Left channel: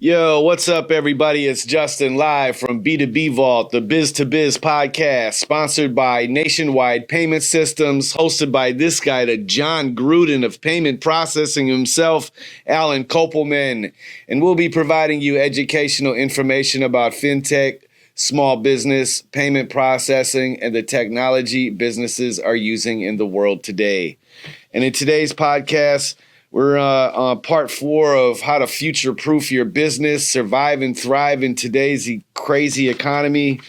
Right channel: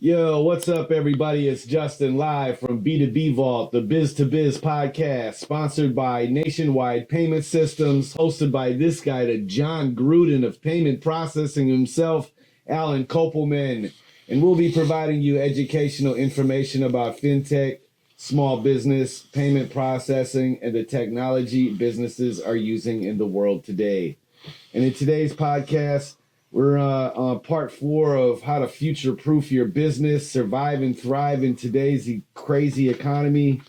Yo, what's up, everybody? It's Justin live from B2B Vault, the Biz to Biz podcast, sponsored by Nationwide Payment Systems, hosted by this guy, the John Gruden of payment processing himself, Alan Kopelman. And we'll be providing you educational information about fintech, small business, payment processing, and the technology businesses are using in the world today. And in today's podcast, we're on part 4 of how to future-proof your business, survive and thrive in today's crazy economy.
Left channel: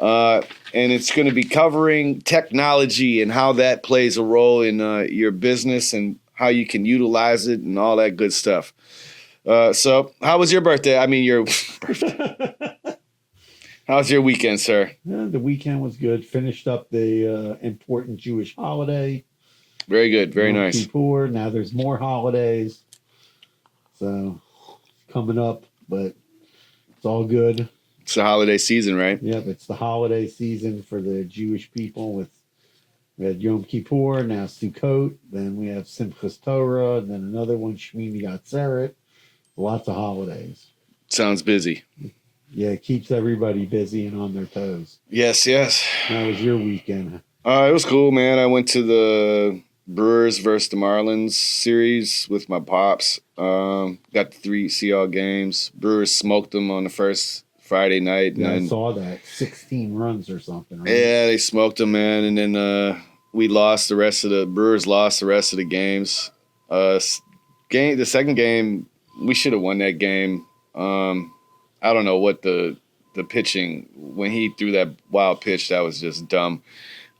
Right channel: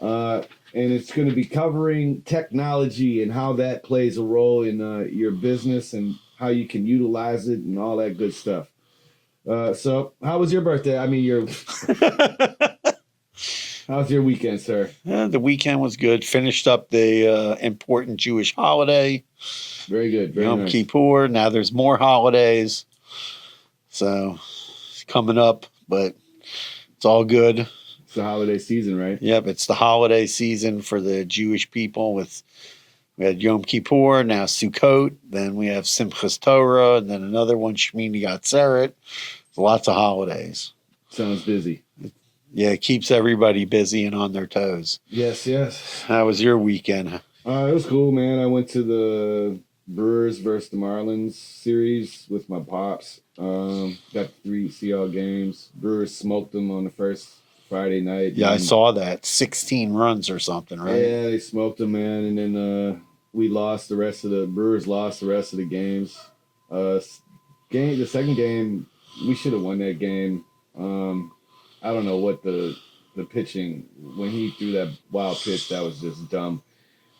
And it's going to be covering technology and how that plays a role in your business and how you can utilize it and all that good stuff. So how was your birthday? How was your weekend, sir? The weekend was good. Finished up the important Jewish holiday. Very good. Very Yom nice. Kippur. Now there's more holidays. So it's coming up, but it's all good. It's the holiday season, right? Yep, it's the holiday season for the Jewish people. We had Yom Kippur, now Sukkot, then we have Simchas Torah, and then another one, Shmini Atzeret. Lots of holidays. Sounds busy. Yeah, it keeps everybody busy and on their toes. Yes, yes. How was your weekend? It was cool, man. I went to the Brewers versus the Marlins series with my pops. Got the 3 Seahawks games. Brewers smoked them on the first Friday night. Yeah, I saw that. 16 runs or something, right? Yeah, they smoked them, man. And then we lost the rest of the Brewers lost the rest of the games. The second game, we should have won that game. I don't know what the pitching, when he threw that wild pitch, that was just dumb.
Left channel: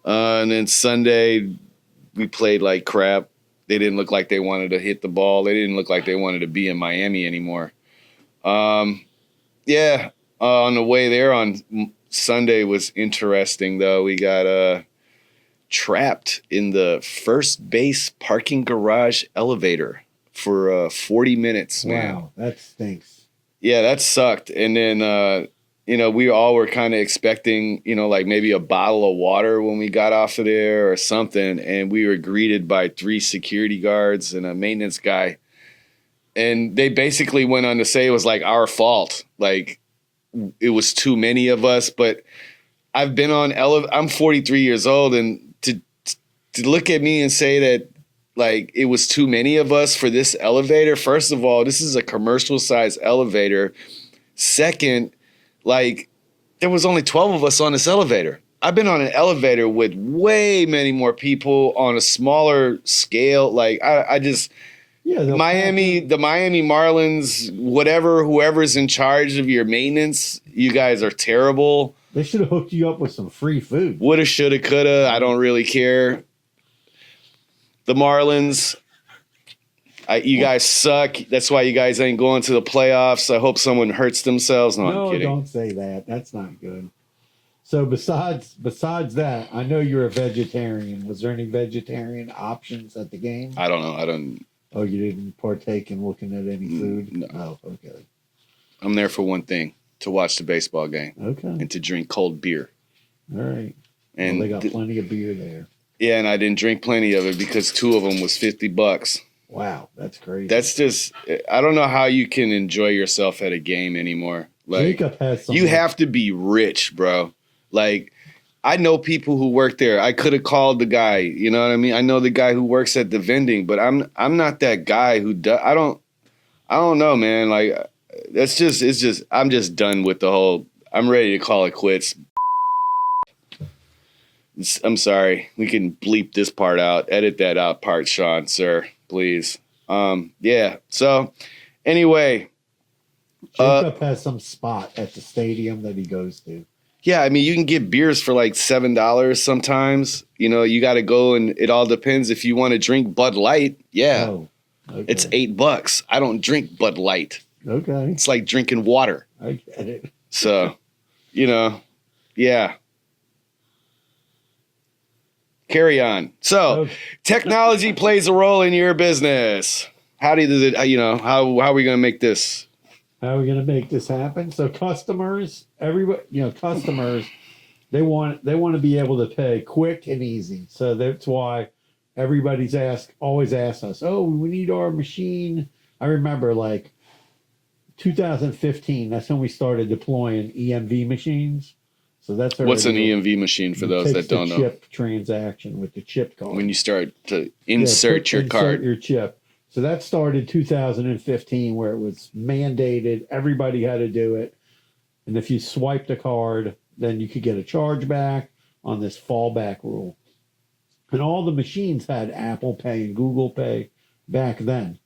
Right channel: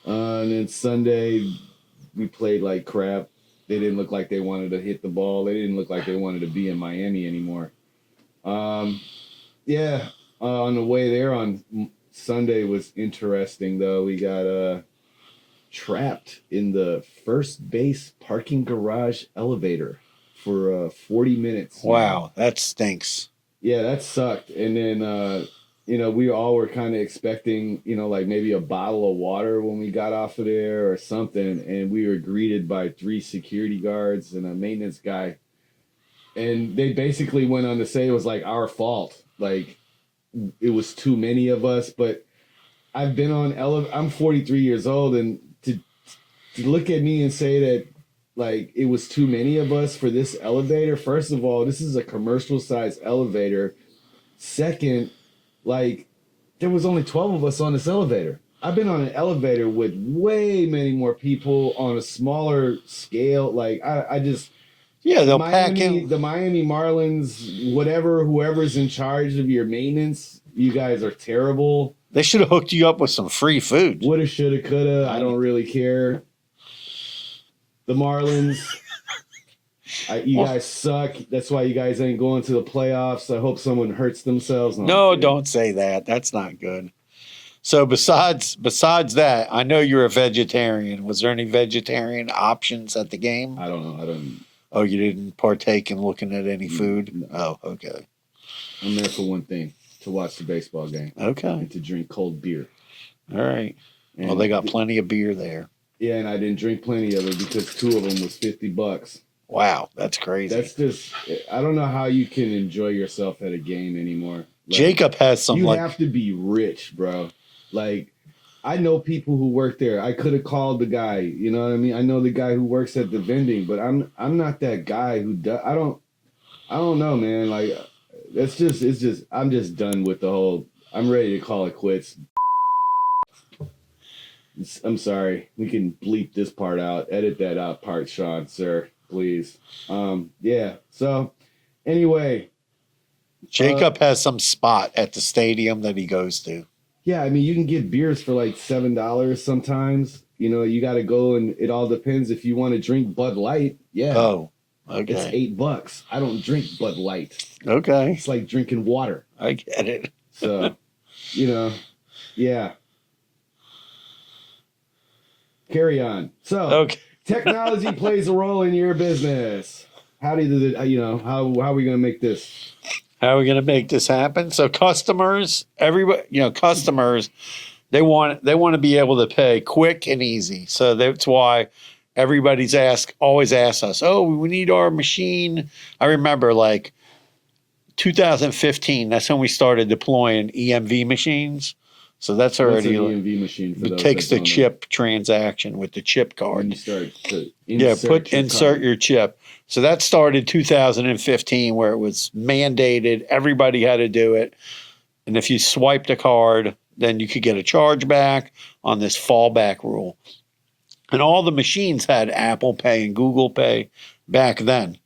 And then Sunday, we played like crap. They didn't look like they wanted to hit the ball. They didn't look like they wanted to be in Miami anymore. On the way there on Sunday was interesting, though. We got trapped in the first base parking garage elevator for 40 minutes. Man. Wow, that stinks. Yeah, that sucked. And then, we all were kind of expecting, like maybe a bottle of water when we got off of there or something. And we were greeted by 3 security guards and a maintenance guy. And they basically went on to say it was like our fault. Like it was too many of us. But I've been on I'm 43 years old. And to look at me and say that, like, it was too many of us for this elevator. First of all, this is a commercial size elevator. Second, like, there was only 12 of us on this elevator. I've been on an elevator with way many more people on a smaller scale. Like, I just, the Miami Marlins, whoever's in charge of your maintenance, you guys are terrible. They should have hooked you up with some free food. Woulda, shoulda, coulda. I don't really care. The Marlins, you guys suck. That's why you guys ain't going to the playoffs. I hope someone hurts themselves. No, don't say that. That's not good. So besides that, I know you're a vegetarian. Was there any vegetarian options at the game? I don't know. Oh, you didn't partake in looking at any food? No. Oh, okay. I'm there for one thing, to watch the baseball game. Okay. And to drink cold beer. All right. And well, they got plenty of beer there. Yeah, and I didn't drink plenty of it because 2 of them was $50. Wow, that's crazy. That's just, I don't know how you can enjoy yourself at a game anymore. Like, Jacob has some. You have to be rich, bro. Like, I know people who work there. I could have called the guy, you know what I mean? I know the guy who works at the vending, but I'm not that guy who does. I don't know, man. Like, I'm just done with the whole, I'm ready to call it quits. I'm sorry. We can bleep this part out. Edit that out part, Sean, sir, please. Yeah. So anyway. Jacob has some spot at the stadium that he goes to. Yeah, I mean, you can get beers for like $7 sometimes. You got to go, and it all depends. If you want to drink Bud Light, yeah. Oh, okay. It's $8. I don't drink Bud Light. Okay. It's like drinking water. I get it. So, yeah. Carry on. So, Technology plays a role in your business. How are we going to make this? How are we going to make this happen? So customers, customers, they want to be able to pay quick and easy. So that's why everybody's always asks us, oh, we need our machine. I remember like 2015, that's when we started deploying EMV machines. So that's already What's an EMV machine for it those takes that the don't know? chip transaction with the chip card. When you start to insert your insert card. your chip. So that started 2015, where it was mandated. Everybody had to do it. And if you swiped a card, then you could get a charge back on this fallback rule. And all the machines had Apple Pay and Google Pay back then.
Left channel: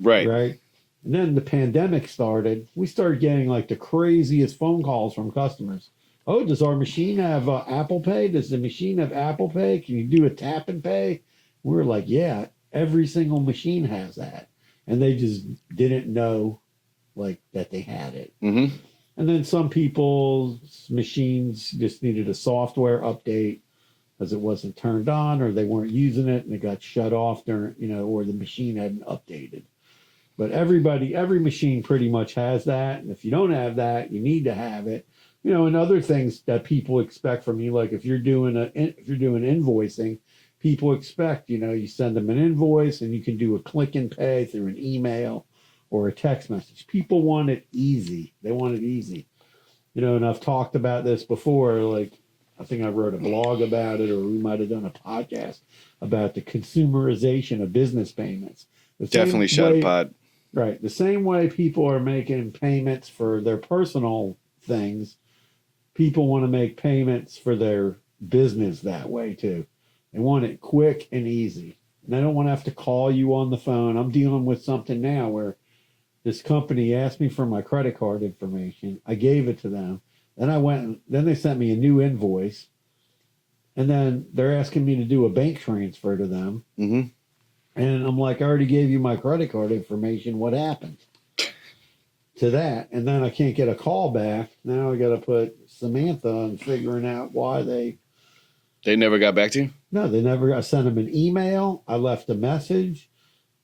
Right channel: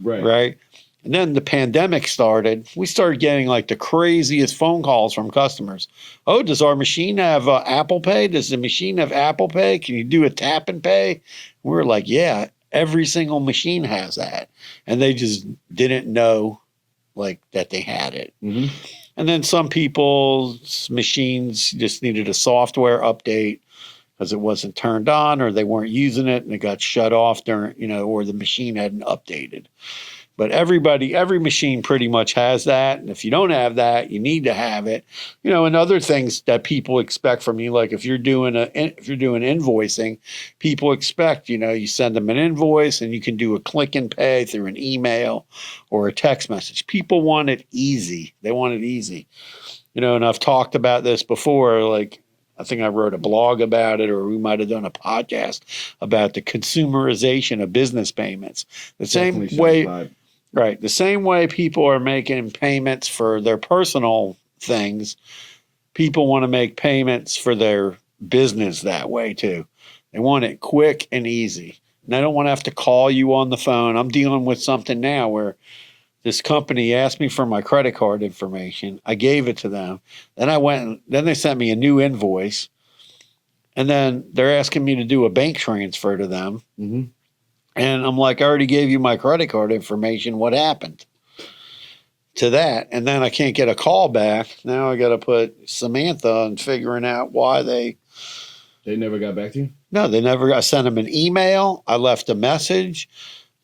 Right. Right. And then the pandemic started. We started getting like the craziest phone calls from customers. Oh, does our machine have Apple Pay? Does the machine have Apple Pay? Can you do a tap and pay? We were like, yeah, every single machine has that. And they just didn't know like that they had it. Mm-hmm. And then some people's machines just needed a software update because it wasn't turned on or they weren't using it and it got shut off during, or the machine hadn't updated. But every machine pretty much has that. And if you don't have that, you need to have it. And other things that people expect from you, like if you're doing invoicing, people expect, you send them an invoice and you can do a click and pay through an email or a text message. People want it easy. They want it easy. And I've talked about this before, like I think I wrote a blog about it, or we might have done a podcast about the consumerization of business payments. Definitely shot pod. Right. The same way people are making payments for their personal things, people want to make payments for their business that way too. They want it quick and easy. And I don't want to have to call you on the phone. I'm dealing with something now where this company asked me for my credit card information. I gave it to them. Then they sent me a new invoice. And then they're asking me to do a bank transfer to them. Mm-hmm. And I'm like, I already gave you my credit card information. What happened to that? And then I can't get a call back. Now I got to put Samantha on figuring out why they never got back to you? No, they never. I sent them an email. I left a message,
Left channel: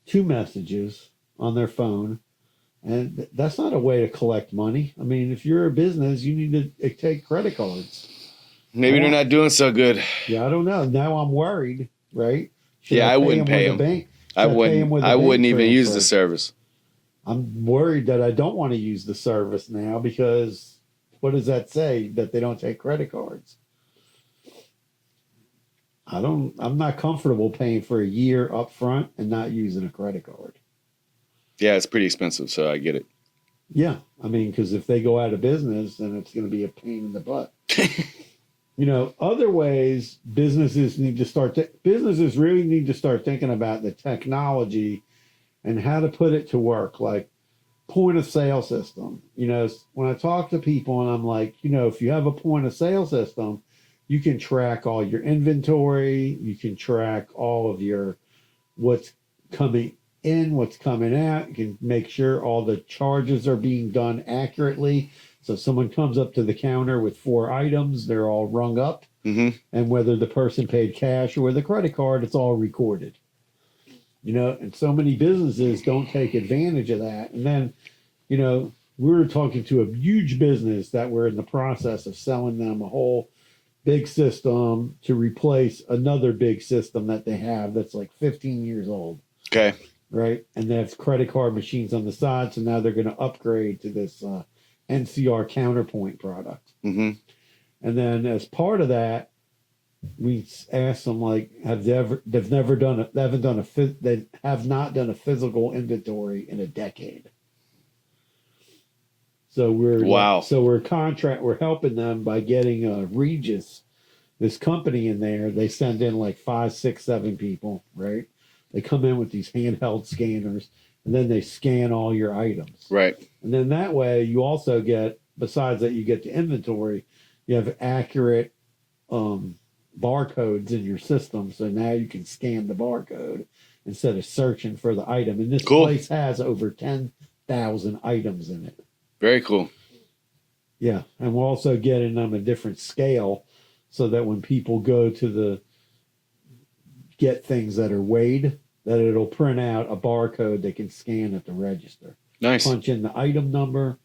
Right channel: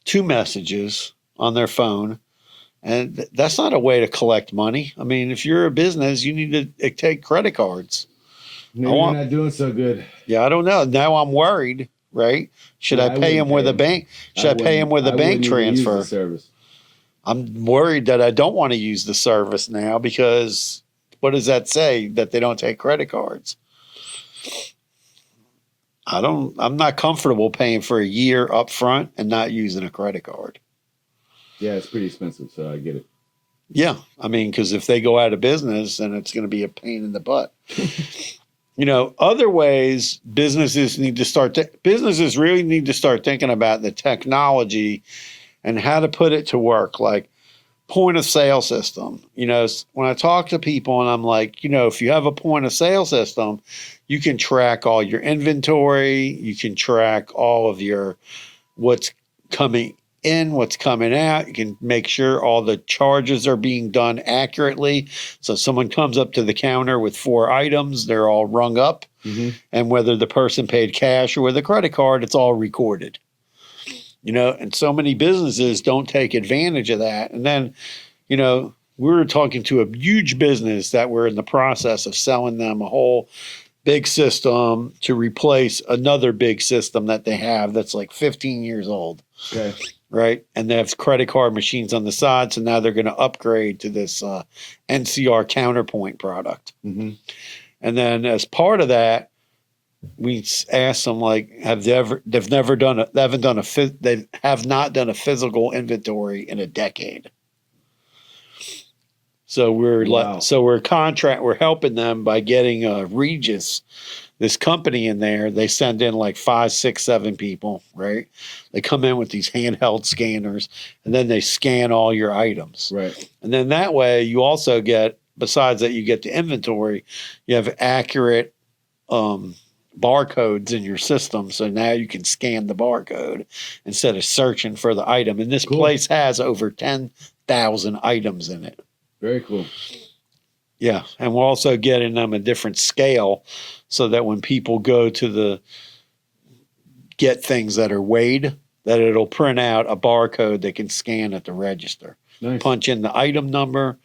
2 messages on their phone. And that's not a way to collect money. I mean, if you're a business, you need to take credit cards. Maybe they're not doing so good. Yeah, I don't know. Now I'm worried, right? Should I pay him with a bank? Should I pay him with a bank transfer? I wouldn't even use the service. I'm worried that I don't want to use the service now because what does that say? That they don't take credit cards. I'm not comfortable paying for a year up front and not using a credit card. Yeah, it's pretty expensive, so I get it. Yeah. I mean, because if they go out of business, then it's going to be a pain in the butt. Other ways businesses really need to start thinking about the technology and how to put it to work, like point of sale system. When I talk to people and I'm like, if you have a point of sale system, you can track all your inventory, you can track all of your what's coming in, what's coming out. You can make sure all the charges are being done accurately. So someone comes up to the counter with 4 items, they're all rung up. Mm-hmm. And whether the person paid cash or with a credit card, it's all recorded. And so many businesses don't take advantage of that. And then, we were talking to a huge business that we're in the process of selling them a whole big system to replace another big system that they have that's like 15 years old. Okay. Right. And they have credit card machines on the side. So now they're going to upgrade to this NCR Counterpoint product. Mm-hmm. And then as part of that, we asked them, like, they have not done a physical inventory in a decade. So we're helping them by getting Regis, this company in there. They send in like 5, 6, 7 people, right? They come in with these handheld scanners and then they scan all your items. Right. And then that way you also get, besides that, you get the inventory, you have accurate barcodes in your system. So now you can scan the barcode instead of searching for the item. And this place has over 10,000 items in it. Very cool. Yeah. And we're also getting them a different scale so that when people go to get things that are weighed, that it'll print out a barcode they can scan at the register. Nice. Punch in the item number,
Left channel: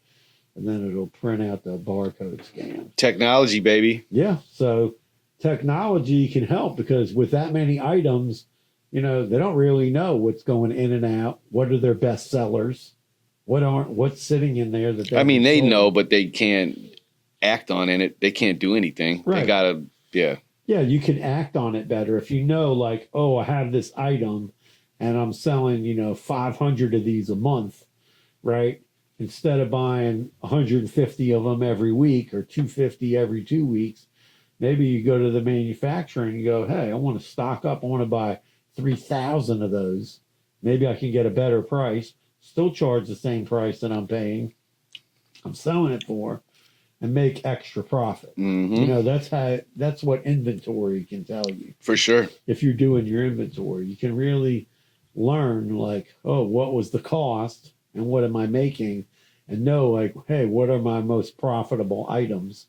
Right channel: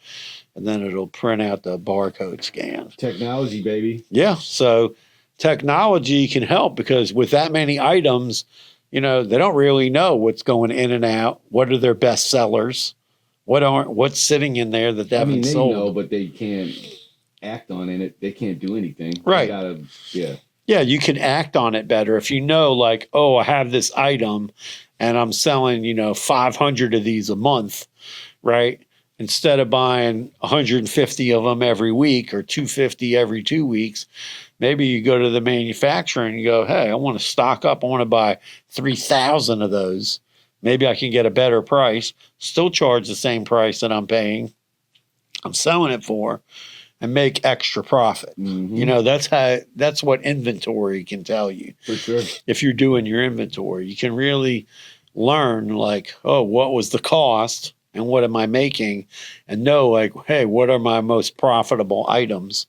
and then it'll print out the barcode scan. Technology, baby. Yeah. So technology can help because with that many items, they don't really know what's going in and out. What are their best sellers? What's sitting in there that they I mean, haven't they sold? know, but they can't act on it. They can't do anything. Right. They gotta, yeah. Yeah, you can act on it better if you know, like, oh, I have this item and I'm selling, 500 of these a month, right? Instead of buying 150 of them every week or 250 every 2 weeks, maybe you go to the manufacturer and you go, hey, I want to stock up. I want to buy 3,000 of those. Maybe I can get a better price, still charge the same price that I'm paying, I'm selling it for, and make extra profit. Mhm. That's what inventory can tell you. For sure. If you're doing your inventory, you can really learn, like, oh, what was the cost and what am I making, and know, like, hey, what are my most profitable items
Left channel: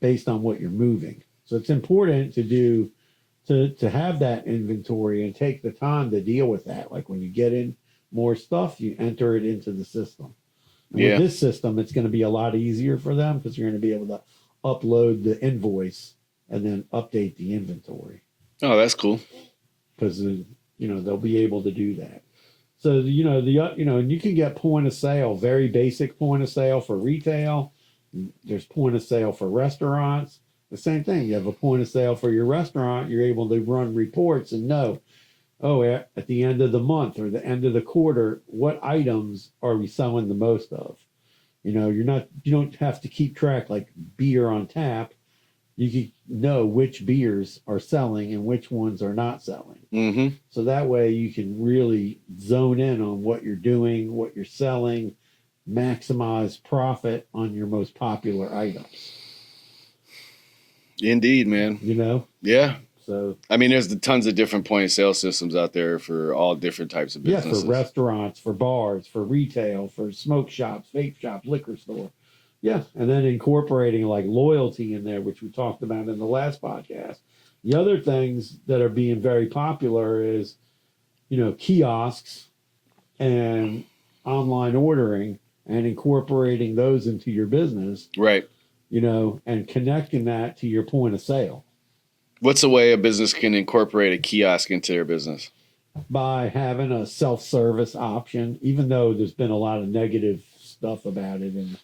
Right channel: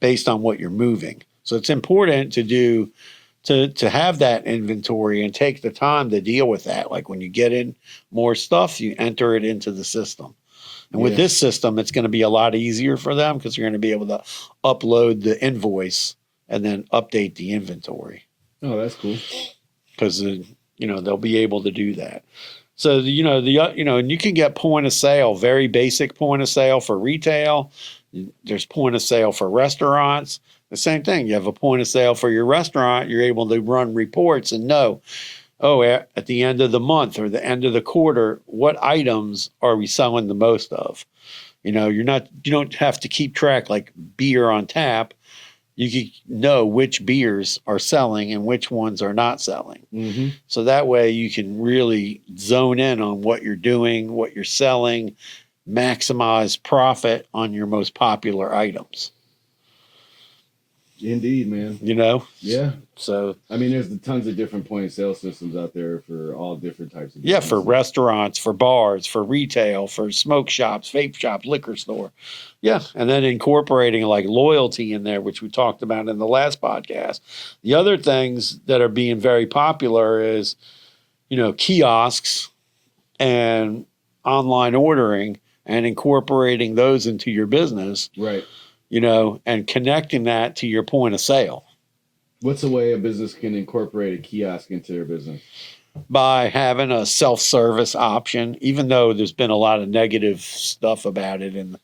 based on what you're moving. So it's important to have that inventory and take the time to deal with that. Like when you get in more stuff, you enter it into the system. And with Yeah. this system, it's going to be a lot easier for them because you're going to be able to upload the invoice and then update the inventory Oh, that's cool. because they'll be able to do that. So and you can get point of sale, very basic point of sale for retail. There's point of sale for restaurants. The same thing. You have a point of sale for your restaurant. You're able to run reports and know, oh, at the end of the month or the end of the quarter, what items are we selling the most of? You don't have to keep track like beer on tap. You can know which beers are selling and which ones are not selling. Mm-hmm. So that way you can really zone in on what you're doing, what you're selling, maximize profit on your most popular items. Indeed, man. Yeah. So I mean, there's tons of different point of sale systems out there for all different types of businesses. yeah, for restaurants, for bars, for retail, for smoke shops, vape shops, liquor store. Yeah. And then incorporating like loyalty in there, which we talked about in the last podcast. The other things that are being very popular is, kiosks and online ordering and incorporating those into your business. Right. And connecting that to your point of sale. What's a way a business can incorporate a kiosk into their business? By having a self-service option, even though there's been a lot of negative stuff about it and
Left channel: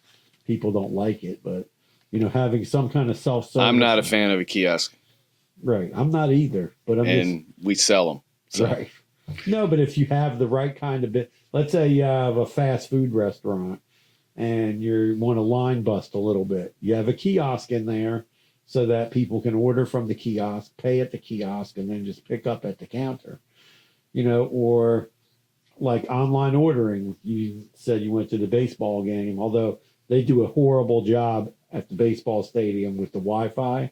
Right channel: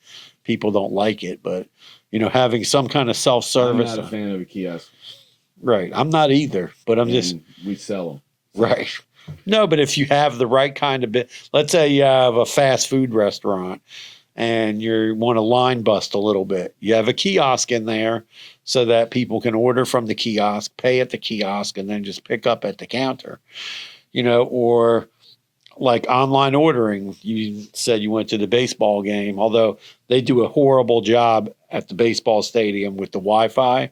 people don't like it, but having some kind of self-service. I'm not a fan of a kiosk. Right. I'm not either, but we sell them. So. Right. No, but if you have the right kind of let's say you have a fast food restaurant and you want to line bust a little bit. You have a kiosk in there so that people can order from the kiosk, pay at the kiosk, and then just pick up at the counter, or like online ordering. You said you went to the baseball game, although they do a horrible job at the baseball stadium with the Wi-Fi.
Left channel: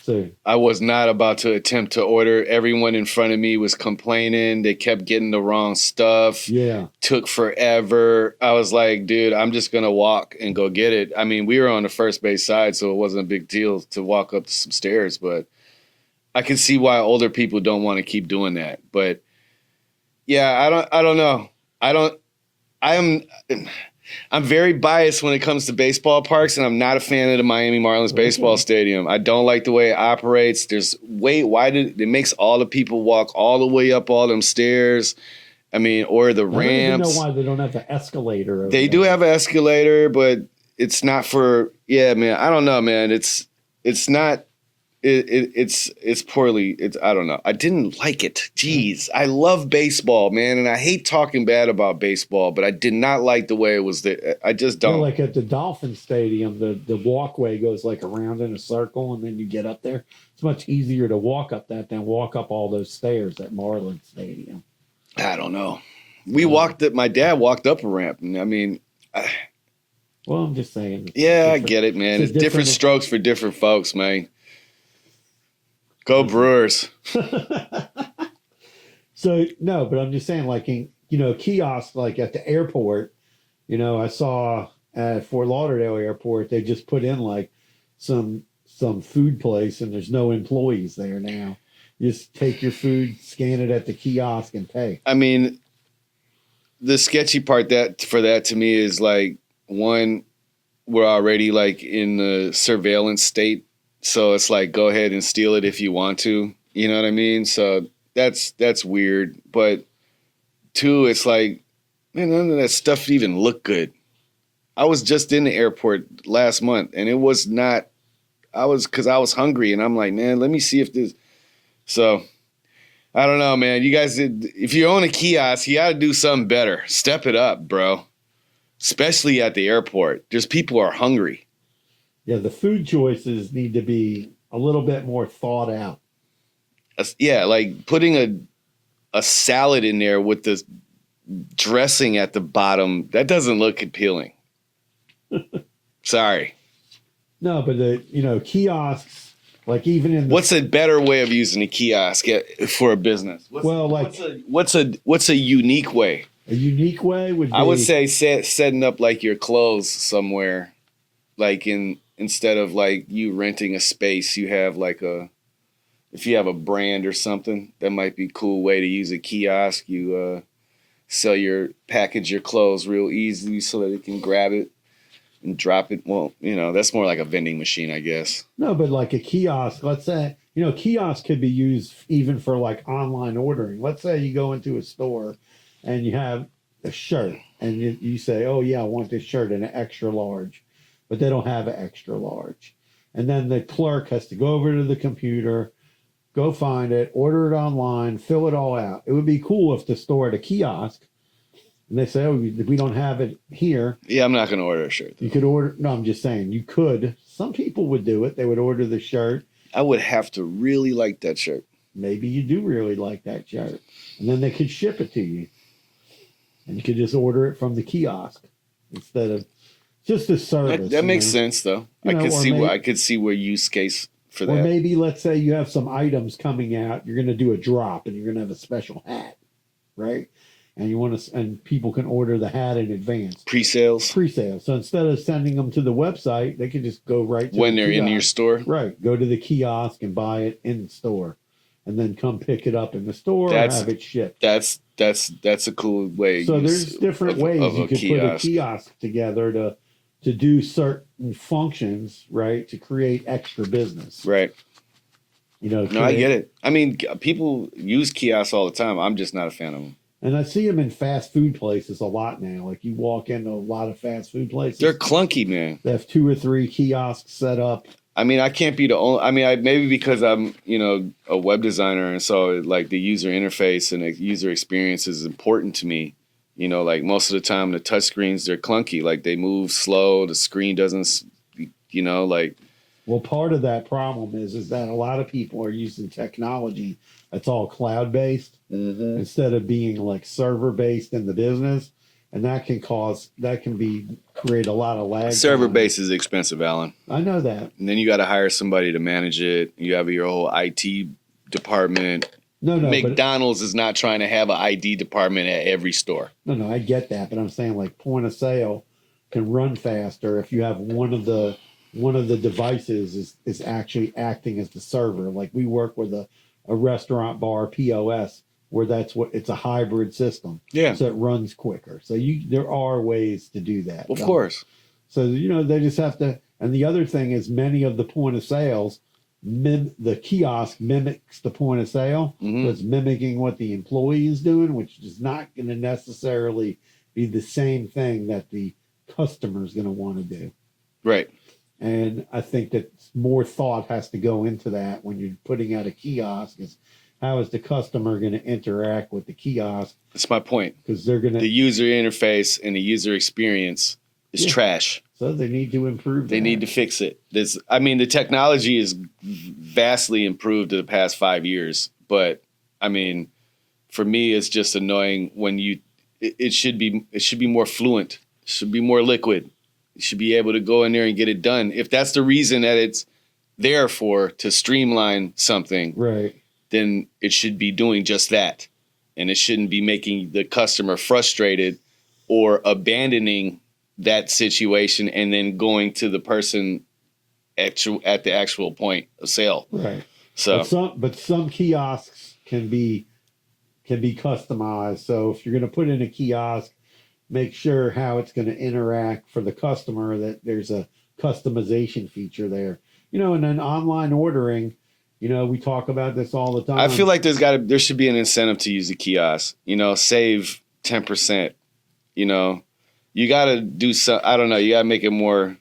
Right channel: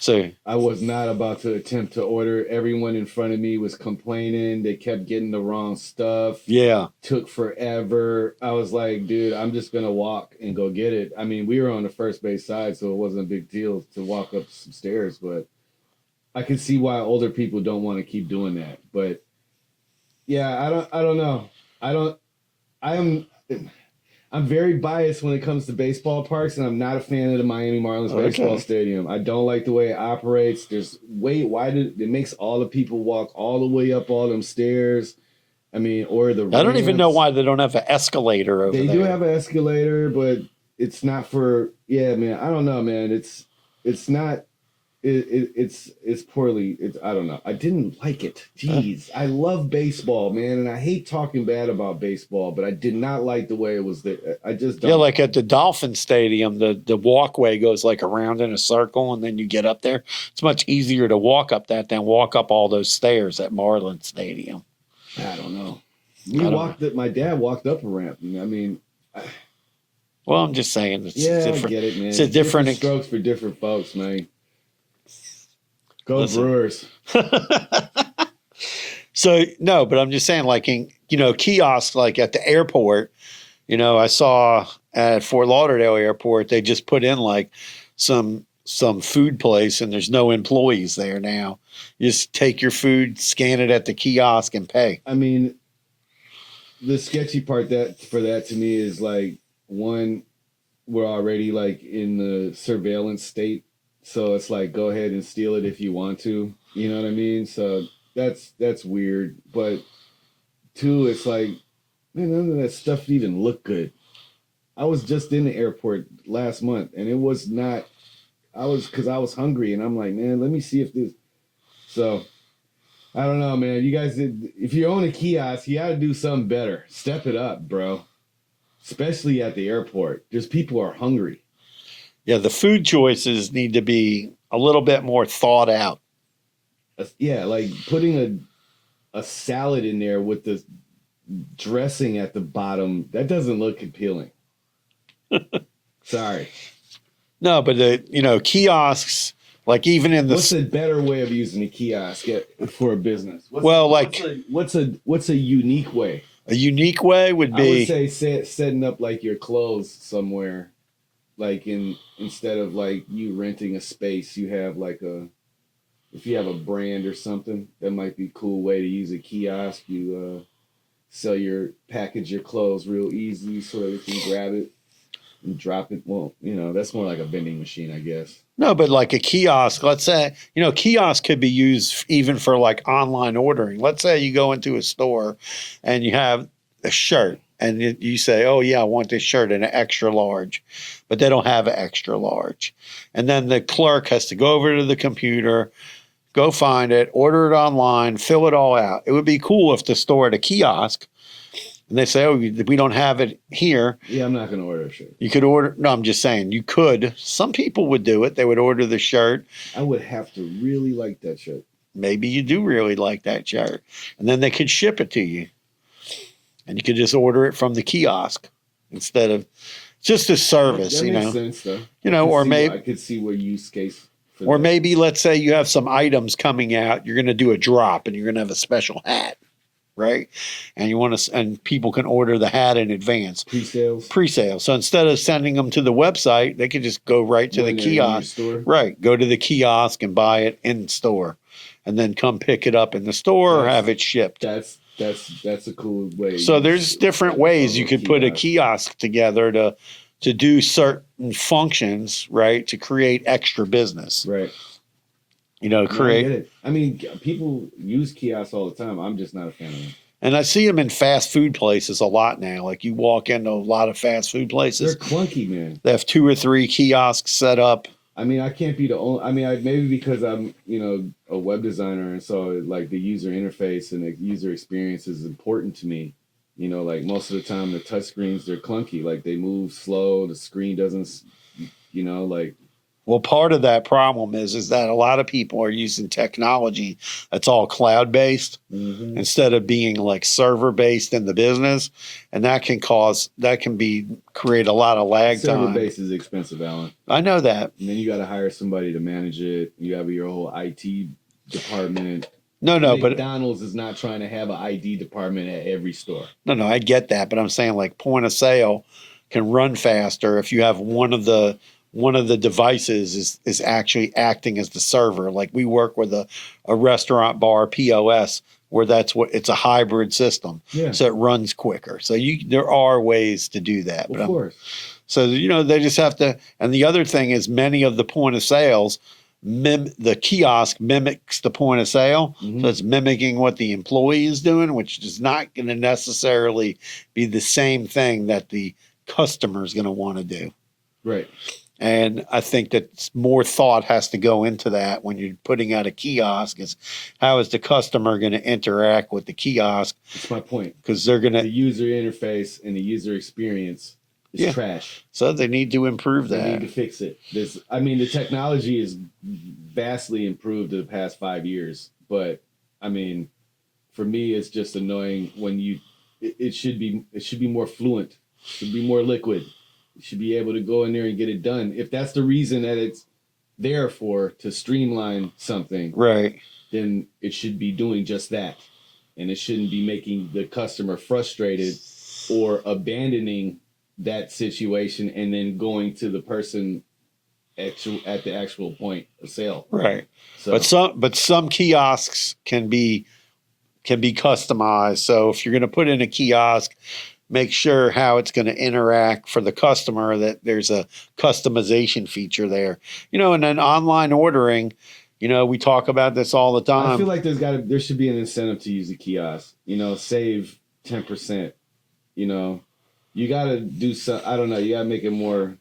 So I was not about to attempt to order. Everyone in front of me was complaining. They kept getting the wrong stuff. Yeah. Took forever. I was like, dude, I'm just going to walk and go get it. I mean, we were on the first base side, so it wasn't a big deal to walk up some stairs, but I can see why older people don't want to keep doing that. But yeah, I don't know. I'm very biased when it comes to baseball parks, and I'm not a fan of the Miami Marlins baseball stadium. I don't like the way it operates. It makes all the people walk all the way up all them stairs. I mean, or the ramps. I don't even know why they don't have an escalator over They there. do have an escalator, but it's not for, man. I don't know, man. It's not. It's poorly. I don't know. I didn't like it. Jeez, I love baseball, man, and I hate talking bad about baseball, but I did not like the way it was there. I just don't. Yeah, like at the Dolphin Stadium, the walkway goes like around in a circle, and then you get up there. It's much easier to walk up that than walk up all those stairs at Marlins Stadium. I don't know. My dad walked up a ramp, and I mean. Well, I'm just saying. I get it, man. It's different strokes for different folks, man. Go Brewers. So, no, but I'm just saying, like, kiosks, like at the airport, I saw at Fort Lauderdale Airport, they just put in like some food place and there's no employees there now. You just take your food, scan it at the kiosk and pay. I mean, the sketchy part for that to me is like, one, we're already like in the surveillance state. So it's like, go ahead and steal it if you want to. You know what I mean? So that's weird. But two, it's like, Man, none of that stuff even looked good. I was just in the airport last month, and it was not. Because I was hungry, and I'm like, man, let me see if this. So I don't know, man. You guys, if you own a kiosk, you got to do something better. Step it up, bro. Especially at the airport. Just people are hungry. Yeah, the food choices need to be a little bit more thought out. Yeah, like putting a salad in there with the dressing at the bottom, that doesn't look appealing. Sorry. No, but kiosks, like even in the What's a better way of using a kiosk for a business? What's a unique way? a unique way would be, I would say setting up like your clothes somewhere, like instead of like you renting a space, you have like if you have a brand or something, that might be a cool way to use a kiosk. You package your clothes real easily so that we can grab it and drop it. Well, that's more like a vending machine, I guess. no, but like a kiosk, let's say, kiosk could be used even for like online ordering. Let's say you go into a store and you have a shirt and you say, oh yeah, I want this shirt in an extra large, but they don't have an extra large. And then the clerk has to go over to the computer, go find it, order it online, fill it all out. It would be cool if the store had a kiosk and they say, oh, we don't have it here. Yeah, I'm not going to order a shirt. You could order. No, I'm just saying you could. Some people would do it. They would order the shirt. I would have to really like that shirt. Maybe you do really like that shirt. And then they could ship it to you. And you could just order it from the kiosk instead of just a service. That makes sense, though. I could see where use case for that. Or maybe let's say you have some items coming out. You're going to do a drop and you're going to have a special hat. Right. And people can order the hat in advance. Pre-sales. So instead of sending them to the website, they could just go right to when the they're kiosk. In your store. Right. Go to the kiosk and buy it in store and then come pick it up in the store or have it shipped. That's a cool way. So there's different ways you could put a kiosk together to do certain functions, right? To create extra business. Right. I get it. I mean, people use kiosks all the time. I'm just not a fan of them. And I see them in fast food places a lot now. Like you walk into a lot of fast food places. They're clunky, man. They have 2 or 3 kiosks set up. I mean, I can't be the only. I mean, maybe because I'm, a web designer, and so like the user interface and the user experience is important to me. Like most of the time, the touch screens, they're clunky. Like they move slow. The screen doesn't, like. Well, part of that problem is that a lot of people are using technology that's all cloud-based instead of being like server-based in the business. And that can create a lot of lag. Server-based is expensive, Alan. I know that. And then you got to hire somebody to manage it. You have your whole IT department. No, McDonald's is not trying to have an ID department at every store. No, I get that. But I'm saying like point of sale can run faster if you have one of the devices is actually acting as the server. Like we work with a restaurant bar POS where it's a hybrid system. Yeah. So it runs quicker. So there are ways to do that. Of course. So, they just have to. And the other thing is many of the point of sales, the kiosk mimics the point of sale. Mm-hmm. So it's mimicking what the employee is doing, which is not going to necessarily be the same thing that the customer is going to want to do. Right. And I think that more thought has to go into that when you're putting out a kiosk. Is how is the customer going to interact with the kiosk? That's my point. Because the user interface and the user experience is trash. So they need to improve that. They need to fix it. The technology is vastly improved in the past 5 years. But I mean, for me, it's just annoying when it should be more fluent. It should be more liquid. You should be able to go in there and get it done. If that's the reason that it's there to streamline something, right, then it should be doing just that. And it shouldn't be making the customer frustrated or abandoning that situation and then going to the person at the actual point of sale. Right. So, but some kiosks can be customized. So if you're going to put in a kiosk, make sure how it's going to interact for the customer, that there's a customization feature there. And then online ordering, we talk about this all the time. I feel like there should be an incentive to use a kiosk, save 10% you know, you got to do some. I don't know. You got to make it more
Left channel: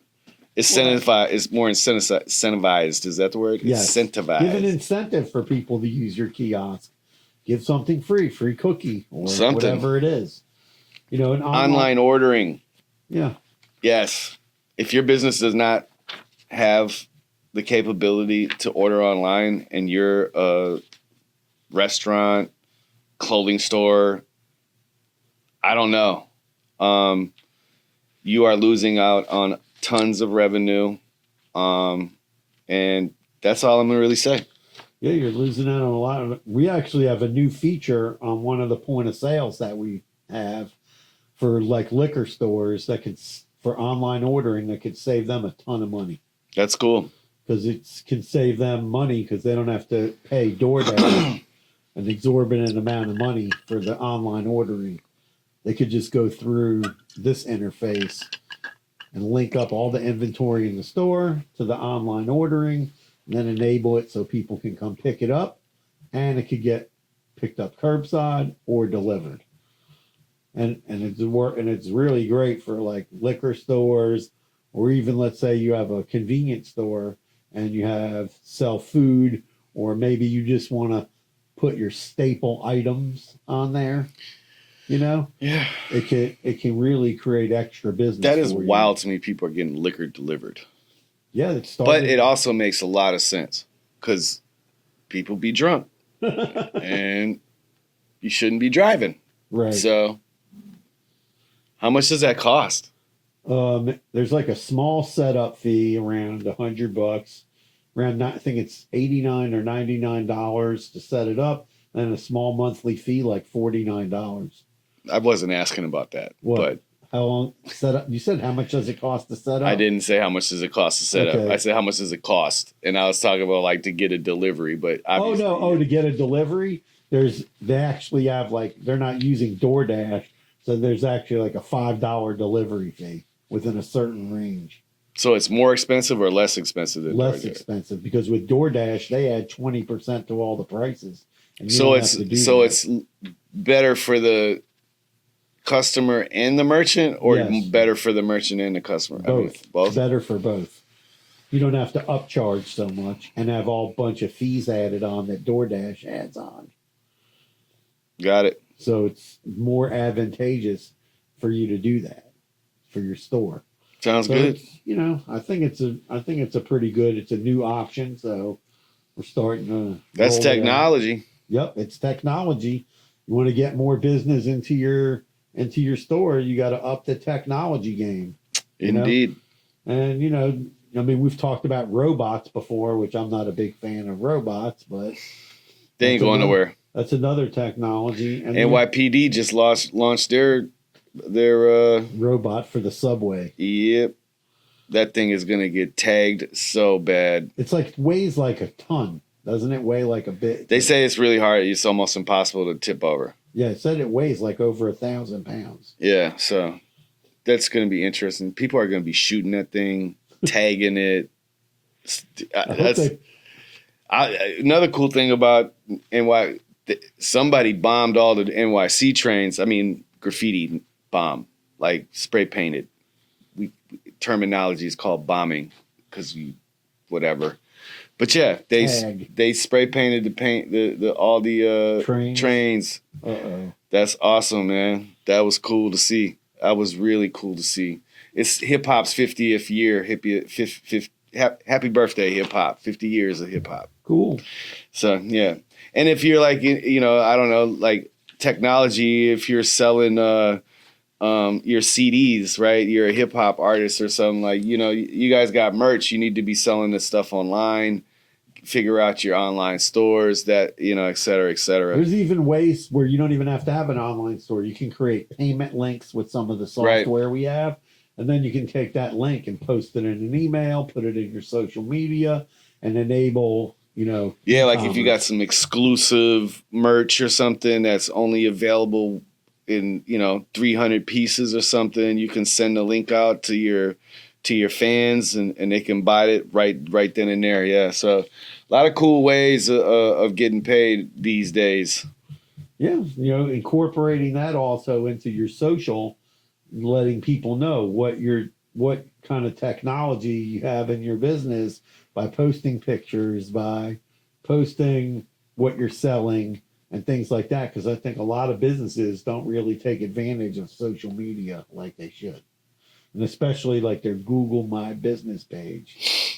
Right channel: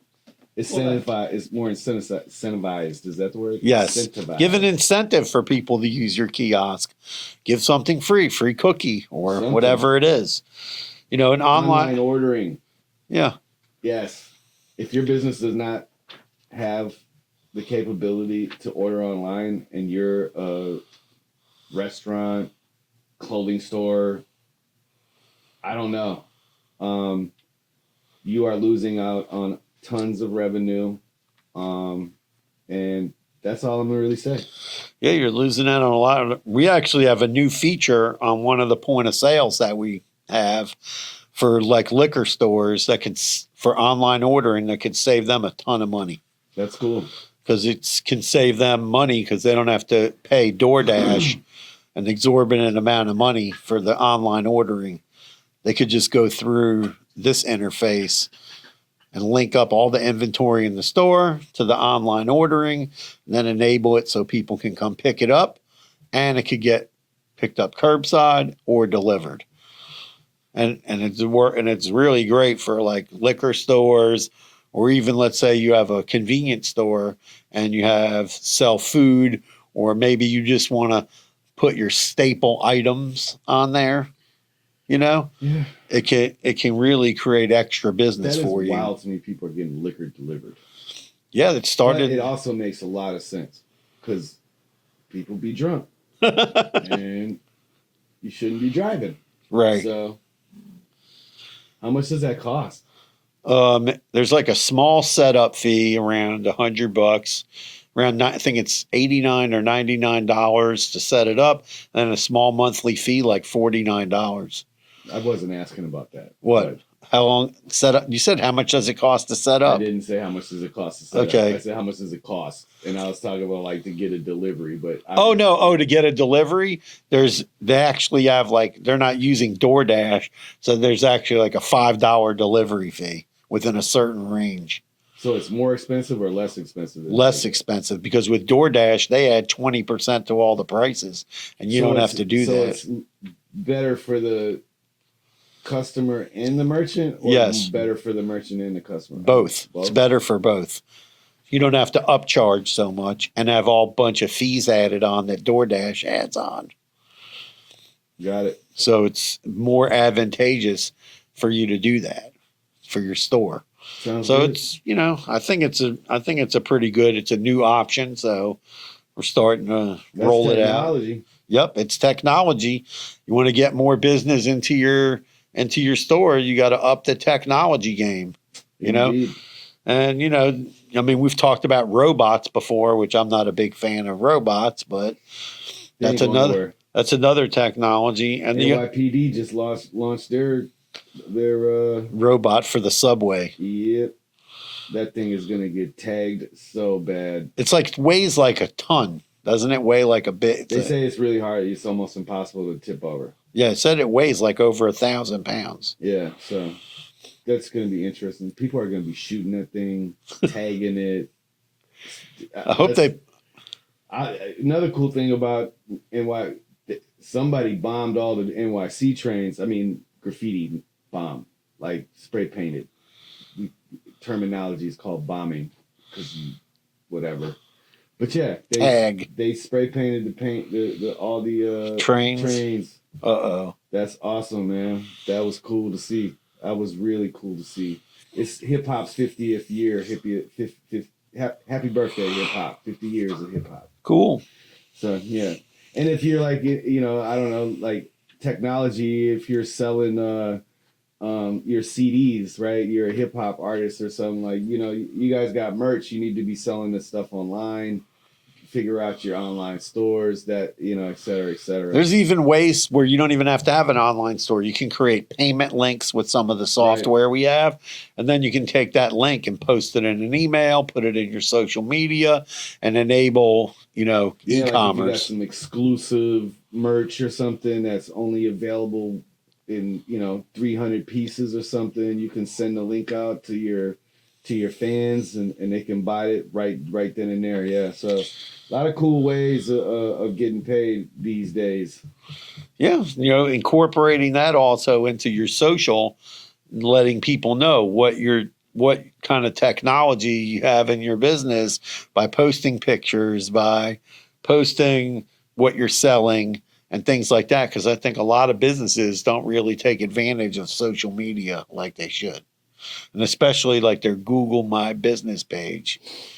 incentivized. It's more incentivized. Is that the word? Yes. Incentivized. Give an incentive for people to use your kiosk. Give something free cookie or Something. whatever it is. You know, an Online ordering. Yeah. Yes. If your business does not have the capability to order online and you're a restaurant, clothing store, I don't know. You are losing out on tons of revenue. And that's all I'm going to really say. Yeah, you're losing out on a lot. We actually have a new feature on one of the point of sales that we have for like liquor stores that could, for online ordering, that could save them a ton of money. That's cool. Because it can save them money because they don't have to pay DoorDash an exorbitant amount of money for the online ordering. They could just go through this interface and link up all the inventory in the store to the online ordering, and then enable it so people can come pick it up, and it could get picked up curbside or delivered. And it's really great for like liquor stores, or even let's say you have a convenience store and you have sell food, or maybe you just want to put your staple items on there. You know, yeah, it can really create extra business. That is for wild to me. People are getting liquor delivered. Yeah, that started. But it also makes a lot of sense because people be drunk and you shouldn't be driving. Right. So, how much does that cost? There's like a small setup fee around $100. Around, I think it's $89 or $99 to set it up, and a small monthly fee like $49. I wasn't asking about that. What? How long set up? You said how much does it cost to set up? I didn't say how much does it cost to set up. I said how much does it cost, and I was talking about like to get a delivery. But to get a delivery, they actually have like they're not using DoorDash, so there's actually like a $5 delivery fee within a certain range. So it's more expensive or less expensive? Less expensive, because with DoorDash they add 20% to all the prices, and you don't have to do that. So it's better for the customer and the merchant, or better for the merchant and the customer? Both. It's better for both. You don't have to upcharge so much and have all bunch of fees added on that DoorDash adds on. Got it. So it's more advantageous for you to do that for your store. Sounds good. It's, I think it's a pretty good. It's a new option, so we're starting to. That's roll technology. It out. Yep, it's technology. You want to get more business into your store, you got to up the technology game. Indeed. And we've talked about robots before, which I'm not a big fan of robots, but they ain't going nowhere. That's another technology. And NYPD just launched their robot for the subway. Yep. That thing is going to get tagged so bad. It's like weighs like a ton. Doesn't it weigh like a bit? They say it's really hard. It's almost impossible to tip over. Yeah, it said it weighs like over 1,000 pounds. Yeah, so that's going to be interesting. People are going to be shooting that thing, tagging it. I hope another cool thing about somebody bombed all the NYC trains. I mean, graffiti bomb, like spray painted. Terminology is called bombing because whatever. But yeah, they spray painted all the trains. That's awesome, man. That was cool to see. That was really cool to see. It's hip hop's 50th year. Happy birthday, hip hop! 50 years of hip hop. Cool. So yeah, and if you're like I don't know, like technology, if you're selling your CDs, right? You're a hip hop artist or something, like you guys got merch. You need to be selling this stuff online. Figure out your online stores, that et cetera, et cetera. There's even ways where you don't even have to have an online store. You can create payment links with some of the software we have, and then you can take that link and post it in an email, put it in your social media, and enable e-commerce. Like if you got some exclusive merch or something that's only available in 300 pieces or something, you can send a link out to your fans and they can buy it right then and there. Yeah, so a lot of cool ways of getting paid these days. Yeah, incorporating that also into your social letting people know what kind of technology you have in your business by posting pictures, by posting what you're selling and things like that. Because I think a lot of businesses don't really take advantage of social media like they should. And especially like their Google My Business page.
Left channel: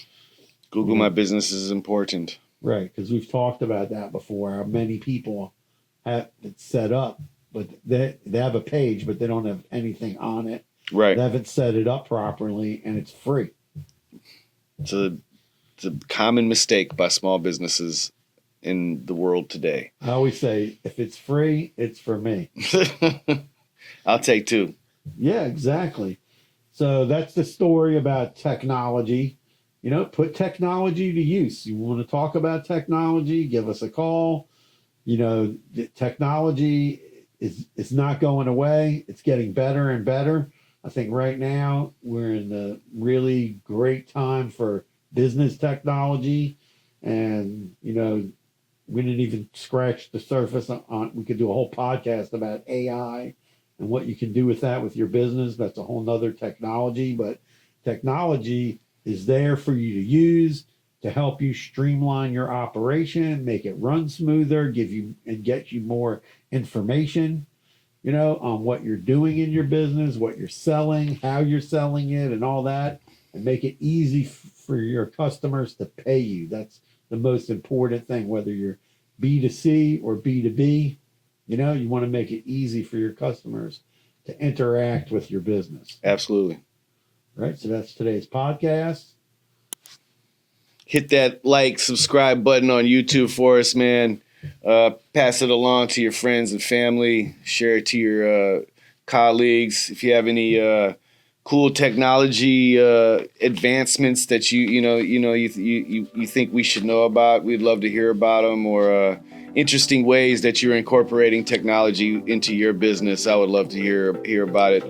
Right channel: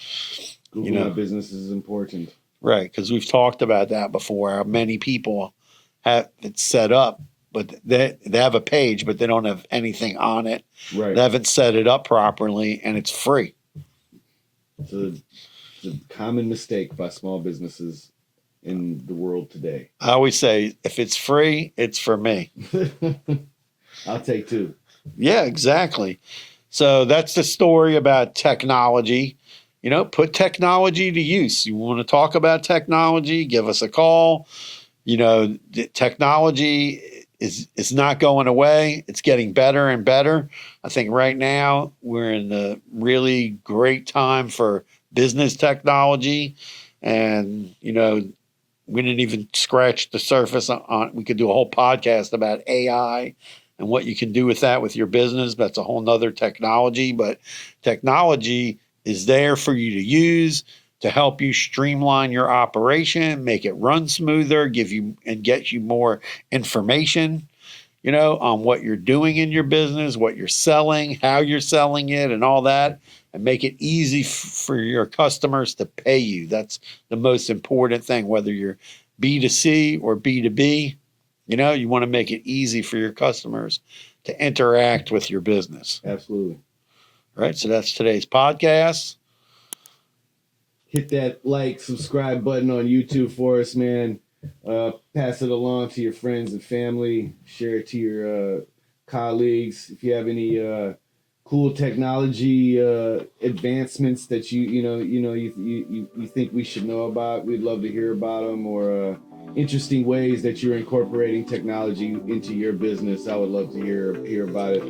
Google My Business is important. Right, because we've talked about that before. How many people have it set up, but they have a page, but they don't have anything on it. Right. They haven't set it up properly, and it's free. It's a common mistake by small businesses in the world today. I always say, if it's free, it's for me. I'll take two. Yeah, exactly. So that's the story about technology. Put technology to use. You want to talk about technology, give us a call. The technology is not going away. It's getting better and better. I think right now we're in the really great time for business technology. And, we didn't even scratch the surface on, we could do a whole podcast about AI and what you can do with that with your business. That's a whole nother technology, but technology is there for you to use to help you streamline your operation, make it run smoother, give you and get you more information, on what you're doing in your business, what you're selling, how you're selling it, and all that, and make it easy for your customers to pay you. That's the most important thing, whether you're B2C or B2B. You want to make it easy for your customers to interact with your business. Absolutely. Right. So that's today's podcast. Hit that like, subscribe button on YouTube for us, man. Pass it along to your friends and family. Share it to your colleagues. If you have any cool technology advancements that you think we should know about, we'd love to hear about them. Or interesting ways that you're incorporating technology into your business, I would love to hear about it.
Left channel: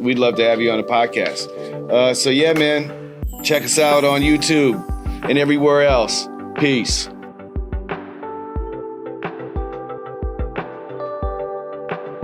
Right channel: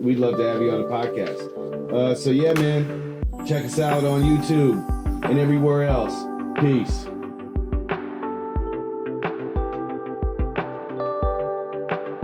We'd love to have you on the podcast. So yeah, man, check us out on YouTube and everywhere else. Peace.